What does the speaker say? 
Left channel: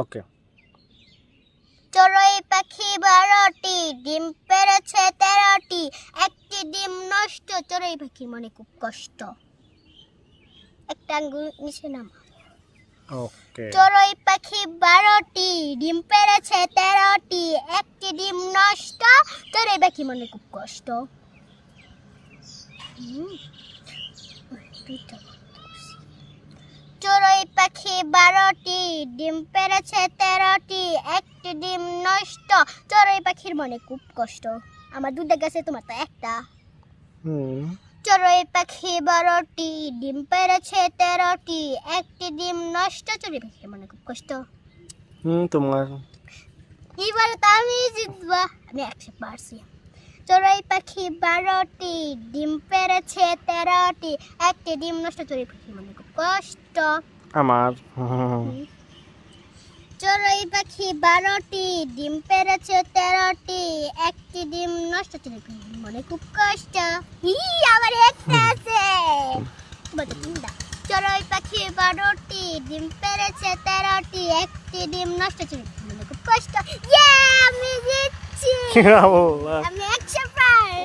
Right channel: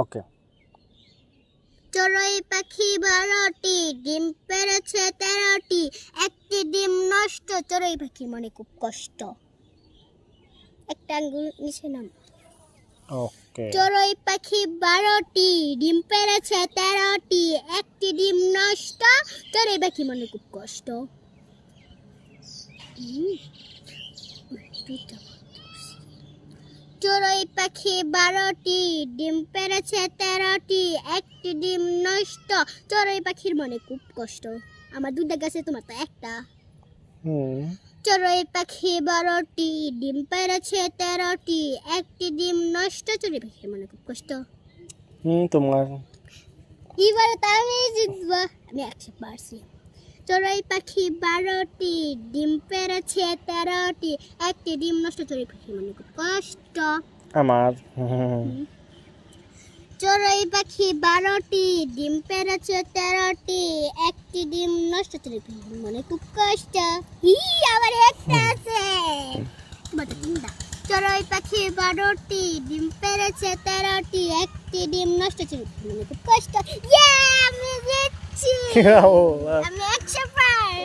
ওকে। চড়ুই পাখি 12টি, ডিম পেড়েছে 13টি, একটি ডিম নষ্ট, চড়ুই পাখির মনে খুব কষ্ট। একটা আঙ্গুল নিচে নাম। ওকে। চড়ুই পাখি 12টি, ডিম পেড়েছে 13টি, একটি ডিম নষ্ট, চড়ুই পাখি মনে খুব কষ্ট। চড়ুই পাখি 12টি, ডিম পেড়েছে 13টি, একটি ডিম নষ্ট, চড়ুই পাখির মনে খুব কষ্ট। আমার দুধে গেছে, তোমার তো একটা। চড়ুই পাখি 12টি, ডিম পেড়েছে 13টি, একটি ডিম নষ্ট, চড়ুই পাখির মনে খুব কষ্ট। তোমার। এবার তো আমি জিতবো, আমি 100 পারছি। চড়ুই পাখি 12টি, ডিম পেড়েছে 13টি, একটি ডিম নষ্ট, চড়ুই পাখির মনে খুব কষ্ট। আমার। চড়ুই পাখি 12টি, ডিম পেড়েছে 13টি, একটি ডিম নষ্ট, চড়ুই পাখির মনে খুব কষ্ট। আবার একটা আছে। চড়ুই পাখি 12টি, ডিম পেড়েছে 13টি, একটি ডিম নষ্ট, চড়ুই পাখির মনে খুব কষ্ট। আমি জিতছি, আমি 100 পার।